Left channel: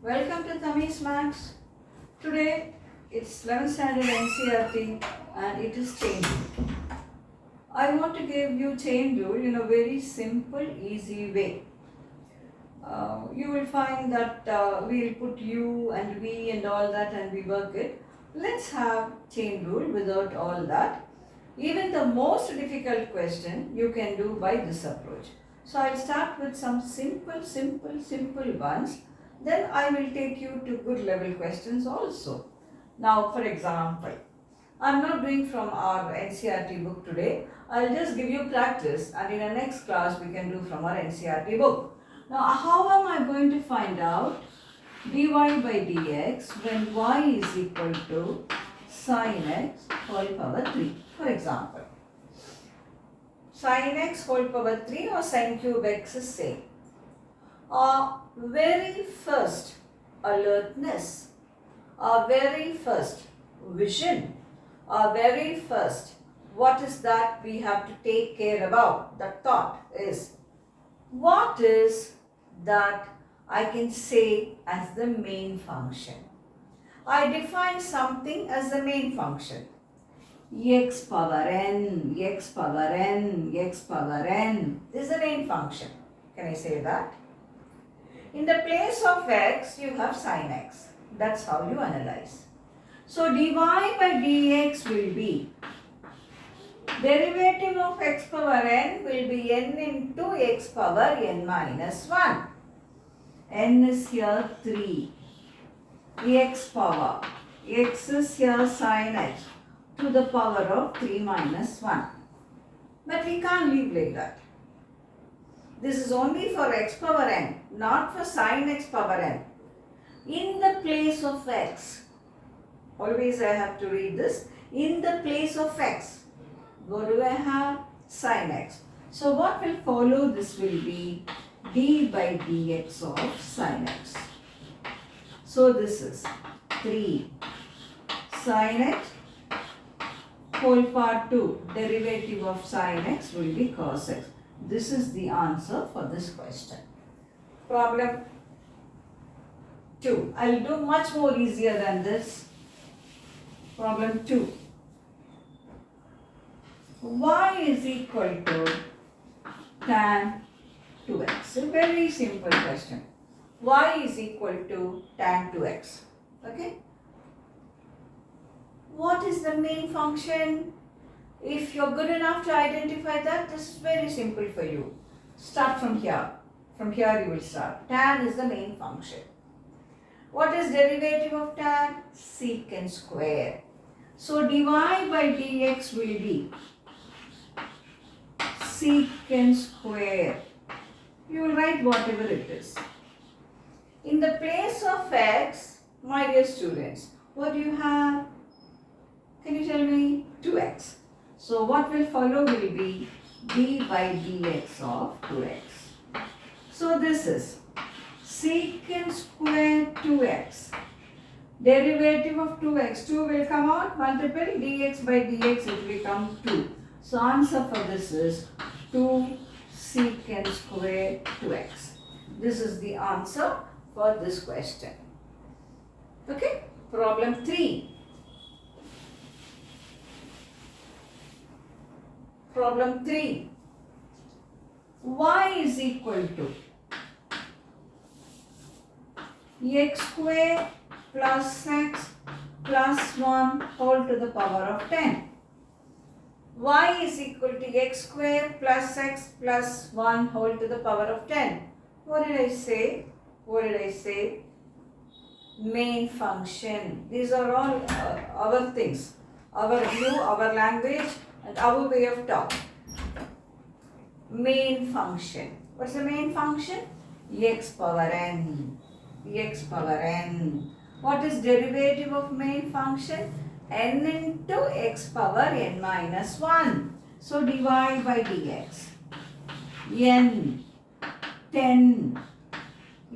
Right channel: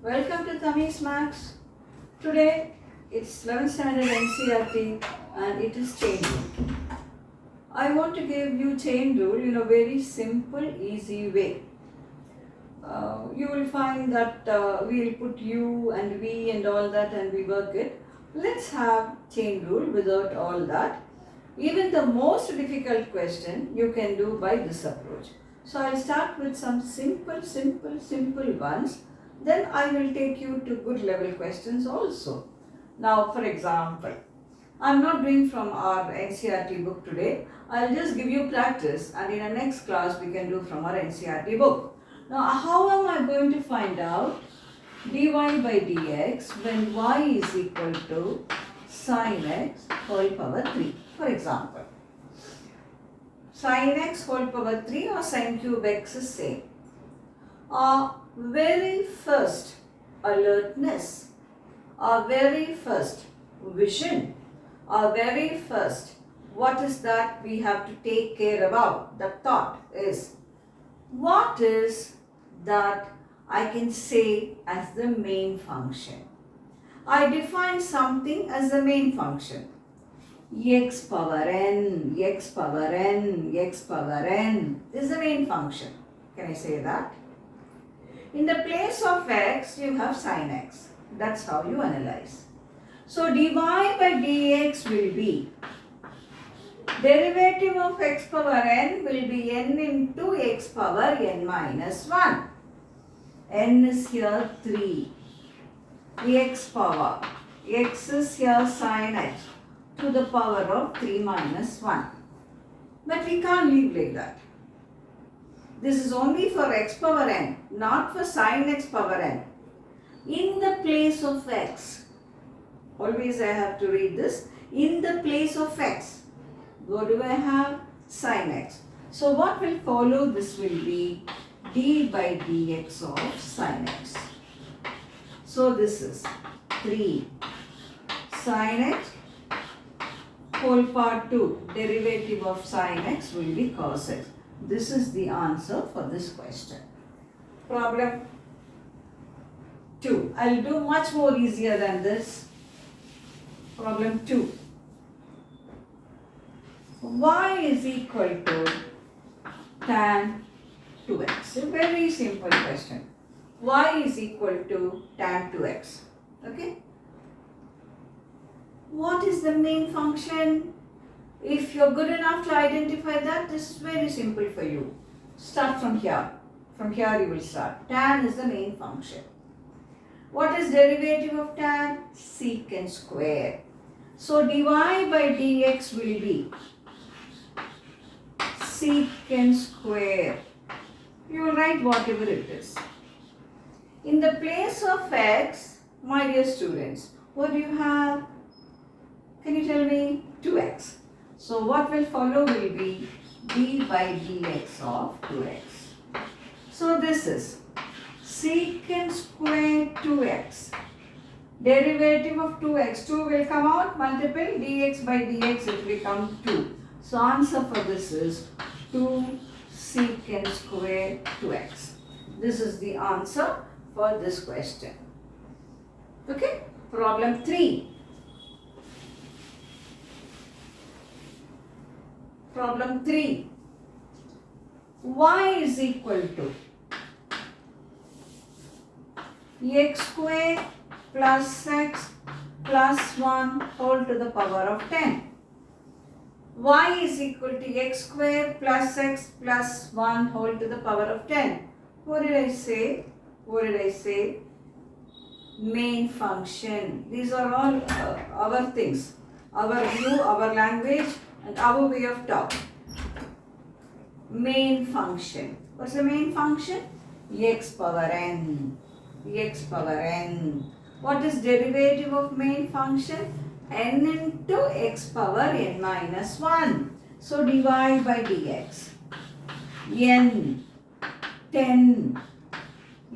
Welcome to Tami's Max. Today it's 11th standard NCRT and it is chain rule. I want to give you chain rule in a very simple, easy way. You will find that we'll put you and we and all that and we work it. Let's have chain rule without all that. Even the most difficult question you can do by this approach. So I'll start with some simple ones. Then I will take you to good level questions also. Now, for example, I'm not doing from our NCRT book today. I'll just give you practice and in the next class we can do from our NCRT book. Now, how am I going to find out dy by dx when y is equal to sin x whole power 3? For example, sin x whole power 3 or sin cube x is same. Our very first alertness, our very first vision, our very first what is that we have to take care about, the thought is what is that I can say as the main function. I define something as the main function. X power n, x power n, x power n is the main function. Can I say that? In the place of x, you have sin x. That's how you analyze. So dy by dx will be derivative of x power n will be n into x power n minus 1. N is here 3. X power. X is here sin x to the power of 3 minus 1. But we can't leave like that. This is only for x power n, not for sin x power n. In the place of x, always I have to read this, in the place of x, what do I have? Sin x. So what will follow this will be d by dx of sin x. So this is 3 sin x whole power 2, derivative of sin x will be cos x. This is the answer for this question. Problem 2. I'll do much more easier than this. Problem 2. Y is equal to tan 2x. A very simple question. Y is equal to tan 2x. Okay? What is the main function? If you're good enough to identify that, this is very simple for you. Start from here. From here you will start. Tan is the main function. What is derivative of tan? Secant square. So dy by dx will be secant square. You will write whatever it is. In the place of x, my dear students, what do you have? Can you tell me? 2x. So what will follow will be d by dx of 2x. So this is secant square 2x. Derivative of 2x. 2 will come out, multiple dx by dx it will become 2. So answer for this is 2 secant square 2x. This is the answer for this question. Okay? Problem 3. Problem 3. Y is equal to x square plus x plus 1 whole to the power of 10. Y is equal to x square plus x plus 1 whole to the power of 10. What did I say? What did I say? Main function. These are all our things. Our view, our language and our way of talk. Main function. What's the main function? X power n. X power n. What is derivative of main function? N into x power n minus 1. So dy by dx. N 10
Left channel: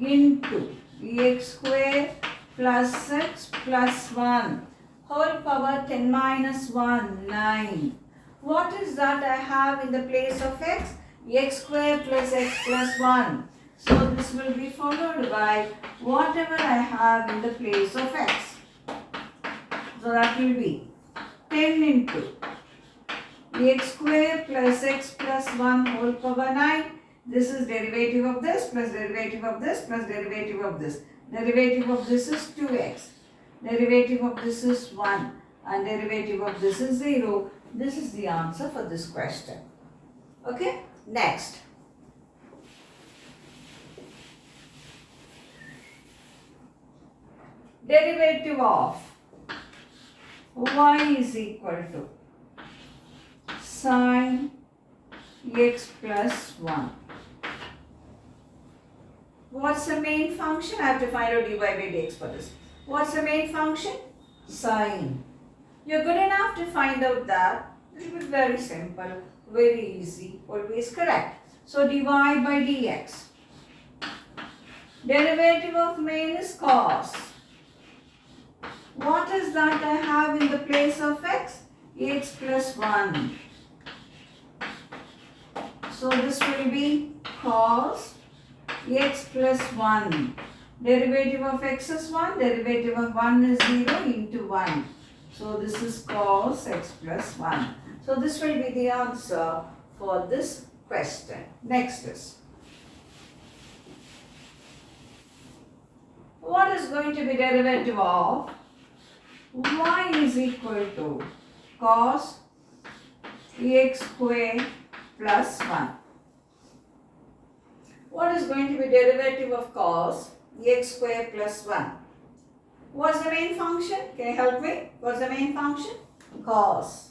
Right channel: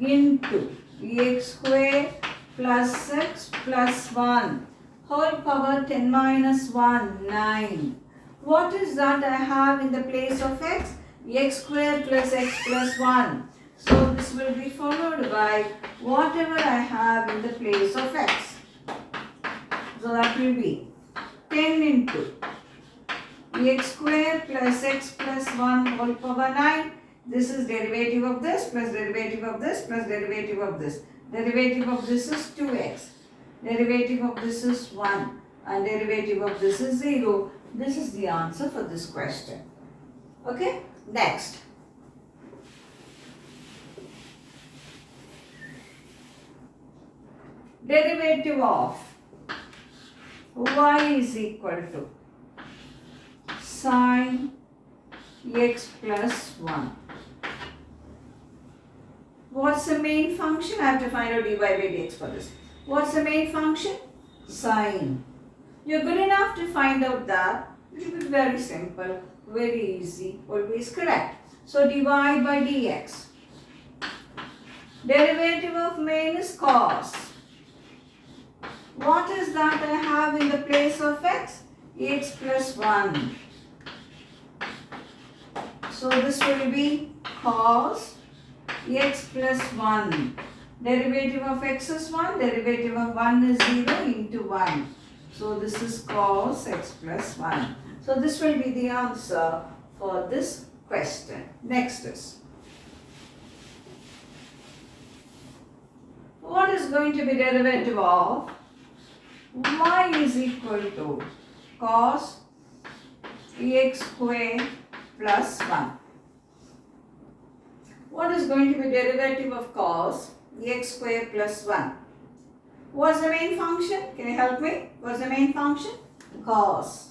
into x square plus x plus 1 whole power 10 minus 1, 9. What is that I have in the place of x? X square plus x plus 1. So this will be followed by whatever I have in the place of x. So that will be 10 into x square plus x plus 1 whole power 9. This is derivative of this plus derivative of this plus derivative of this. Derivative of this is 2x. Derivative of this is 1 and derivative of this is 0. This is the answer for this question. Okay, next. Derivative of y is equal to sine x plus 1. What's the main function? I have to find out dy by dx for this. What's the main function? Sine. You're good enough to find out that. It will be very simple, very easy, always correct. So dy by dx. Derivative of main is cos. What is that I have in the place of x? X plus 1. So this will be cos x plus 1. Derivative of x is 1. Derivative of 1 is 0 into 1. So this is cos x plus 1. So this will be the answer for this question. Next is, what is going to be derivative of y is equal to cos x square plus 1. What is going to be derivative of cos x square plus 1? What's the main function? Can you help me? What's the main function? Cos.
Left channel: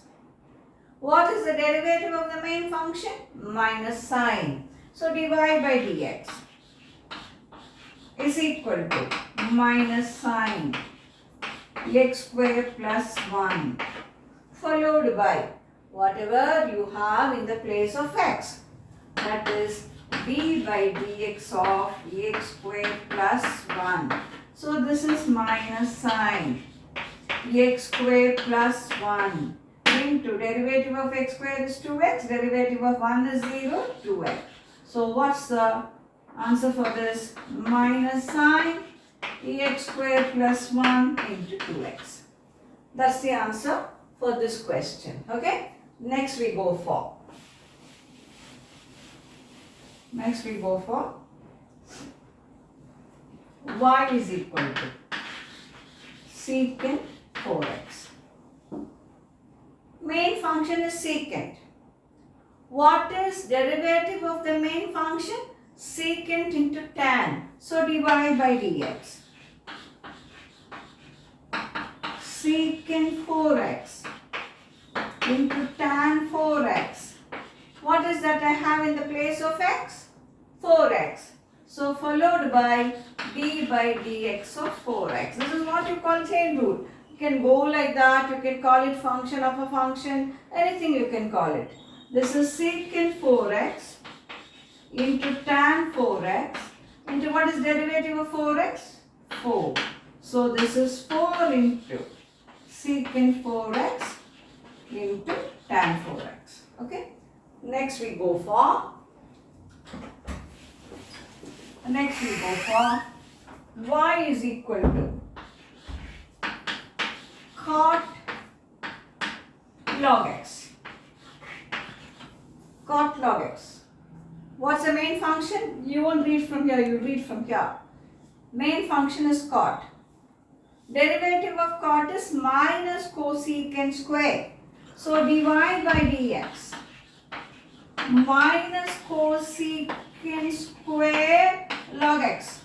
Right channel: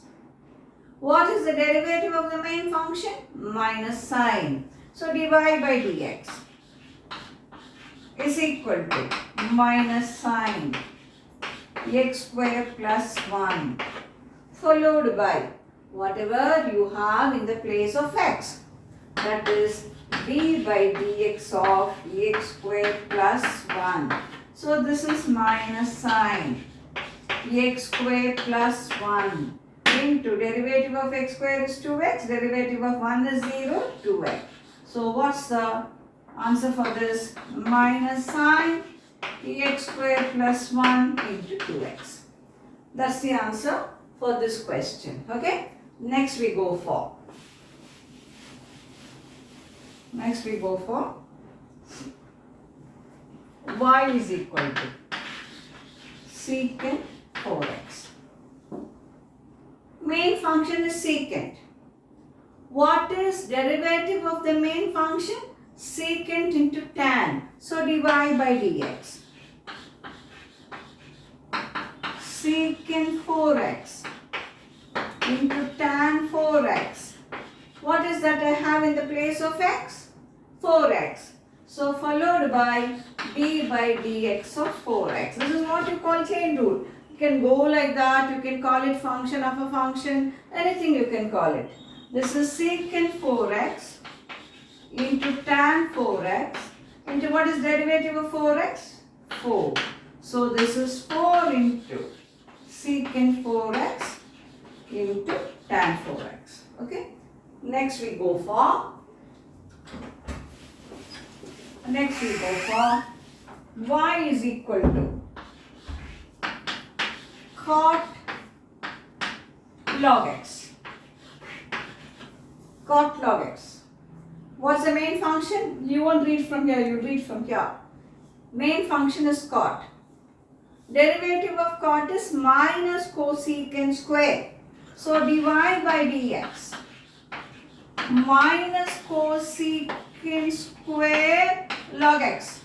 What is the derivative of the main function? Minus sine. So dy by dx is equal to minus sine x square plus 1 followed by whatever you have in the place of x, that is d by dx of x square plus 1. So this is minus sine x square plus 1 into derivative of x square is 2x, derivative of 1 is 0, 2x. So what's the answer for this? Minus sine x square plus 1 into 2x. That's the answer for this question. Okay? Next we go for y is equal to secant 4x. Main function is secant. What is derivative of the main function? Secant into tan. So dy by dx. Secant 4x into tan 4x. What is that I have in the place of x? 4x. So followed by d by dx of 4x. This is what you call chain rule. You can go like that. You can call it function of a function. Anything you can call it. This is secant 4x into tan 4x into what is derivative of 4x? 4. So this is 4 into secant 4x into tan 4x. Okay. Next we go for y is equal to cot log x. Cot log x. What's the main function? You won't read from here, you read from here. Main function is cot. Derivative of cot is minus cosecant square. So dy by dx minus cosecant square log x.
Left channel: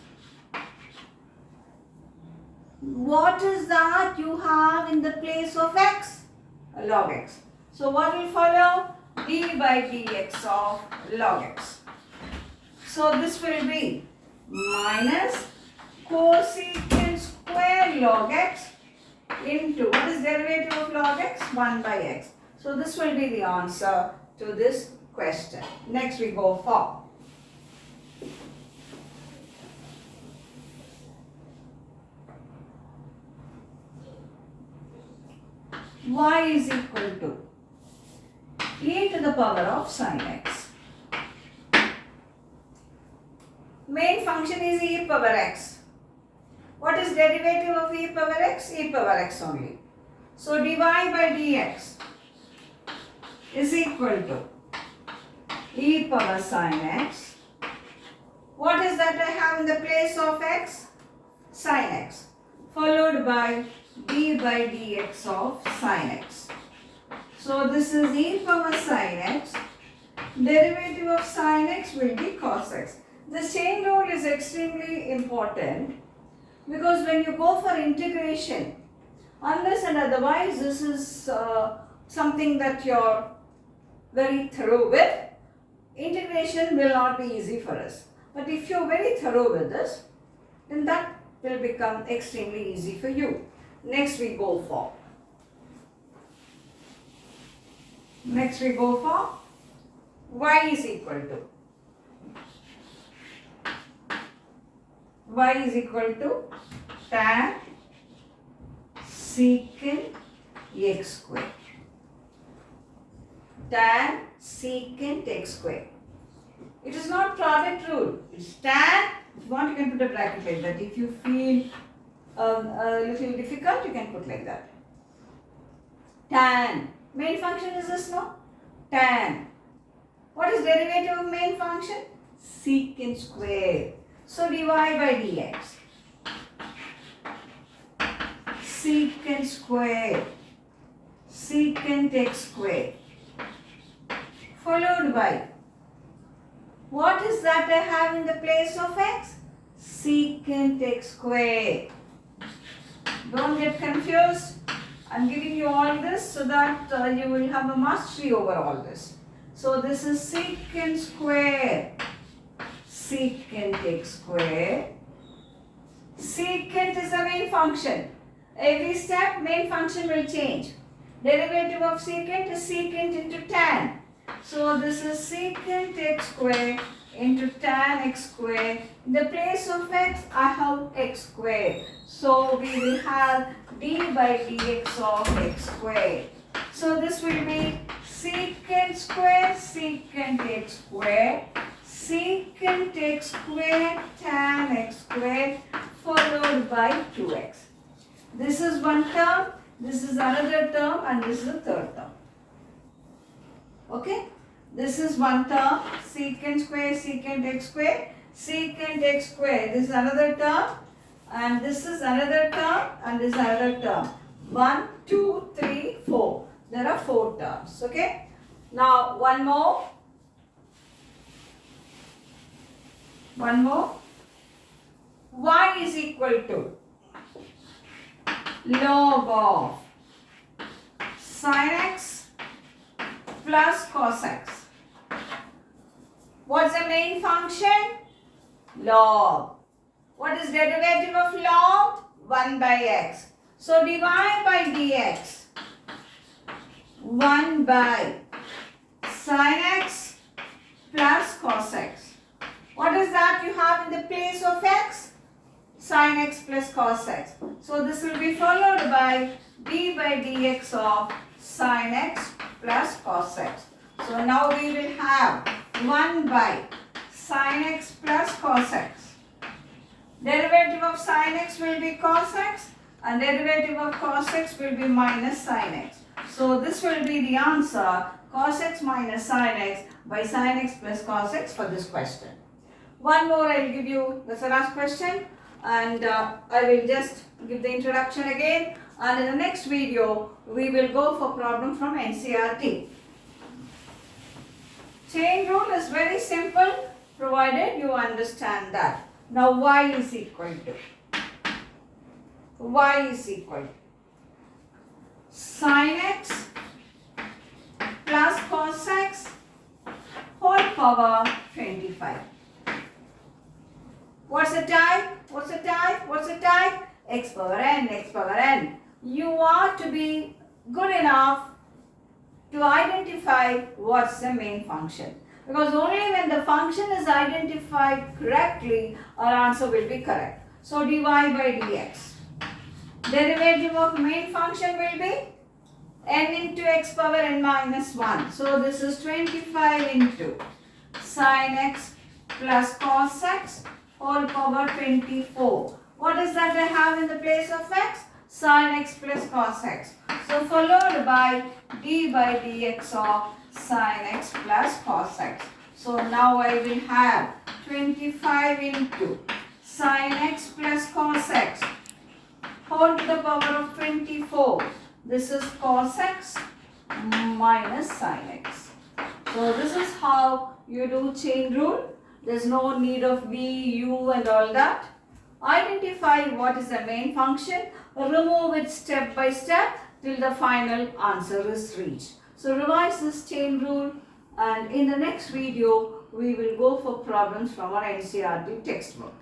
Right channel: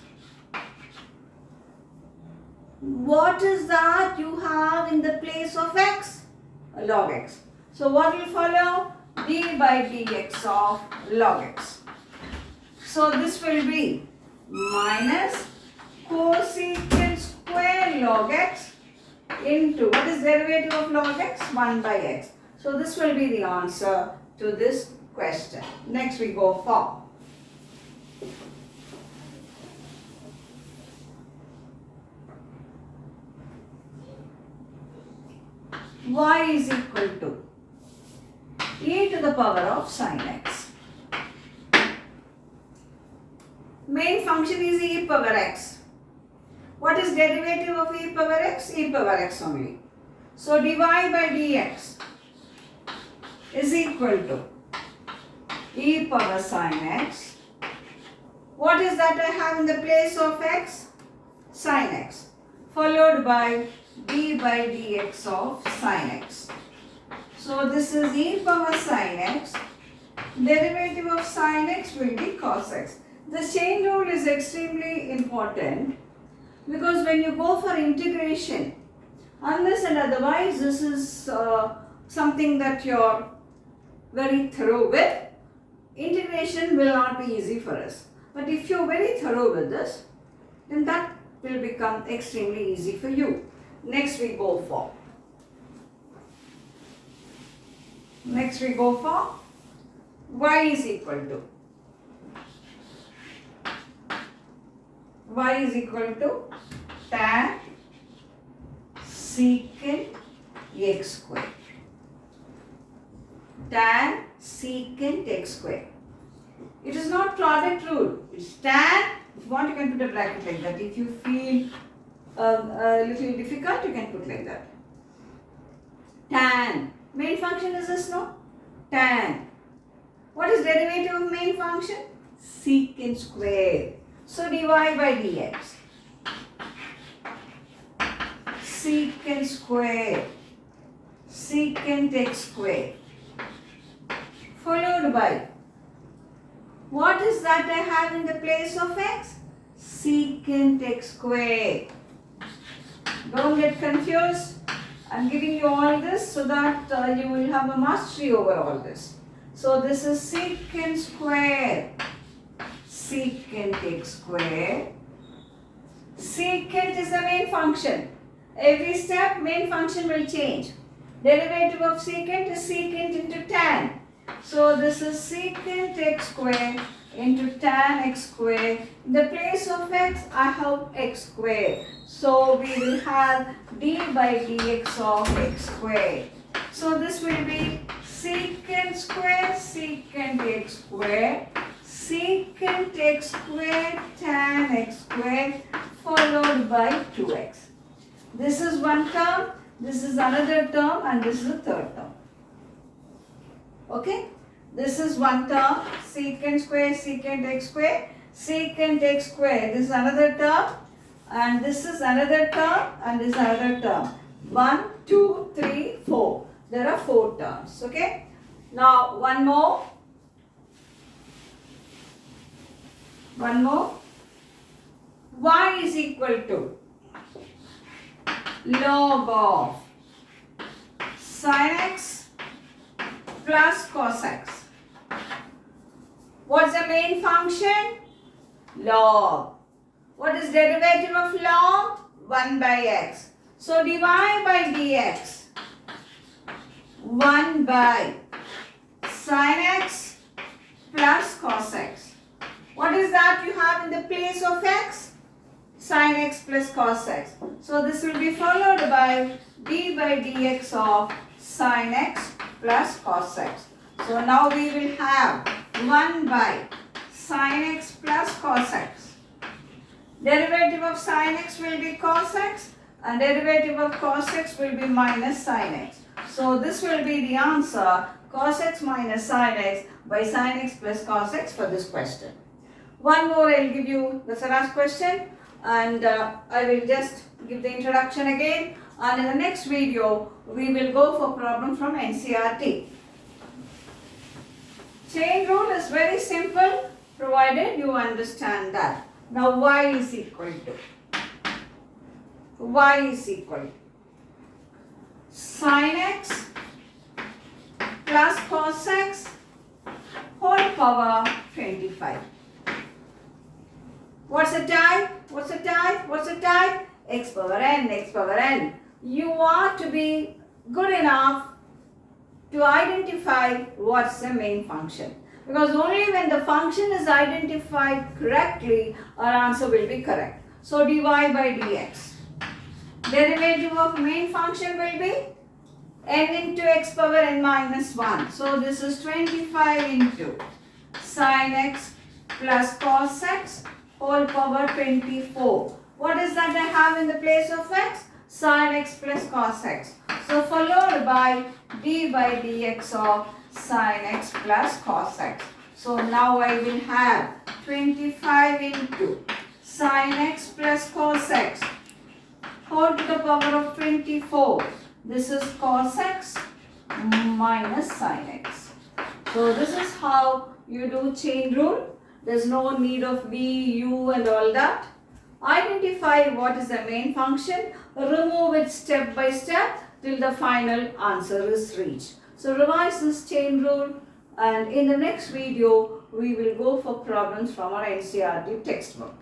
What is that you have in the place of x? Log x. So what will follow? D by dx of log x. So this will be minus cosecant square log x into, what is derivative of log x? 1 by x. So this will be the answer to this question. Next we go for y is equal to e to the power of sin x. function is e power x. What is derivative of e power x? E power x only. So dy by dx is equal to e power sine x. What is that I have in the place of x? Sine x. Followed by d by dx of sine x. So this is e power sine x. Derivative of sine x will be cos x. The chain rule is extremely important because when you go for integration, unless and otherwise this is something that you're very thorough with, integration will not be easy for us. But if you're very thorough with this, then that will become extremely easy for you. Next we go for y is equal to tan secant x square. Tan secant x square. It is not product rule. It's tan. If you want, you can put a bracket like that. If you feel a little difficult, you can put like that. Tan. Main function is this, no? Tan. What is derivative of main function? Secant square. So dy by dx. Secant square. Secant x square. Followed by, what is that I have in the place of x? Secant x square. Don't get confused. I'm giving you all this so that you will have a mastery over all this. So this is secant square. Secant x square. Secant is the main function. Every step main function will change. Derivative of secant is secant into tan. So this is secant x square into tan x square. In the place of x, I have x square. So we will have d by dx of x square. So this will be secant square, secant x square, secant x square, tan x square, followed by 2x. This is one term, this is another term, and this is the third term. Okay? This is one term, secant square, secant x square, secant x square. This is another term, and this is another term, and this is another term. 1, 2, 3, 4. There are 4 terms. Okay? Now, one more. Y is equal to log of sin x plus cos x. What's the main function? Log. What is derivative of log? 1 by x. So dy by dx 1 by sin x plus cos x. What is that you have in the place of x? Sin x plus cos x. So this will be followed by d by dx of sin x plus cos x. So now we will have 1 by sin x plus cos x. Derivative of sin x will be cos x, and derivative of cos x will be minus sin x. So this will be the answer, cos x minus sin x by sin x plus cos x for this question. One more I will give you, that's the last question, and I will just give the introduction again, and in the next video we will go for problem from NCERT. Chain rule is very simple provided you understand that. Now y is equal to sin x plus cos x whole power 25. What's the type? X power n. You are to be good enough to identify what's the main function. Because only when the function is identified correctly, our answer will be correct. So dy by dx. Derivative of main function will be n into x power n minus 1. So this is 25 into sin x plus cos x whole power 24. What is that I have in the place of x? Sin x plus cos x. So followed by d by dx of sin x plus cos x. So now I will have 25 into sin x plus cos x whole to the power of 24. This is cos x minus sin x. So this is how you do chain rule. There's no need of v, u and all that. Identify what is the main function. Remove it step by step till the final answer is reached. So revise this chain rule, and in the next video we will go for problems from our NCERT textbook.